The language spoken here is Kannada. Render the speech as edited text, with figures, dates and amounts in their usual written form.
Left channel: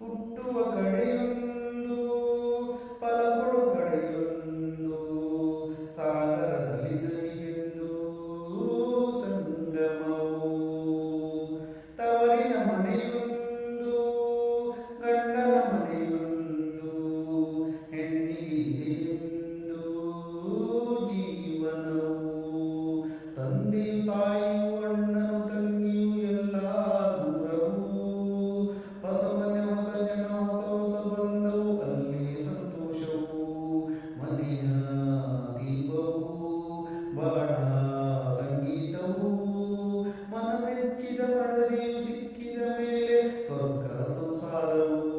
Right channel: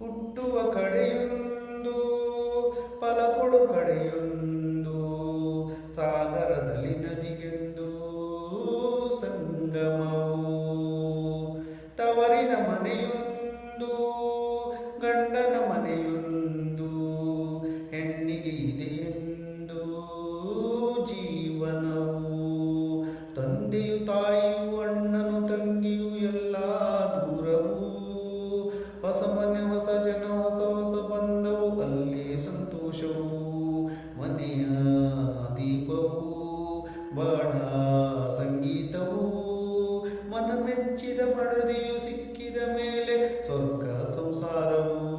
ಹುಟ್ಟುವ ಕಡೆಯೊಂದು ಫಲಕೊಡು ಕಡೆಯೊಂದು ಸಾಗರದಲ್ಲಿ ನದಿಗೆಂದು ಸಂಗಮವು ತವರಿನ ಮನೆಯೊಂದು ಗಂಡನ ಮನೆಯೊಂದು ಹೆಣ್ಣಿಗೆ ಇದೆಯೆಂದು ಜೀವನವು ತಂದೆಯು ತಾಯಿಯು ಅಣ್ಣನು ತಂಗಿಯು ಎಲ್ಲ ದೂರವು ಹೊಸ ಮನೆ ಹೊಸ ಜನ ಹೊಸ ಹೊಸ ಬಂದವು ಅಲ್ಲಿ ಸಂತೋಷವು ಮನೆಯ ದೀಪವು ಬಾಣ ಸಂಗೀತವು ಮನ ಮೆಚ್ಚಿದ ಮಡದಿಯು ಸಿಕ್ಕಿದ ಮೇಲೆ ಸ್ವರ್ಗ ಸಂಸಾರವು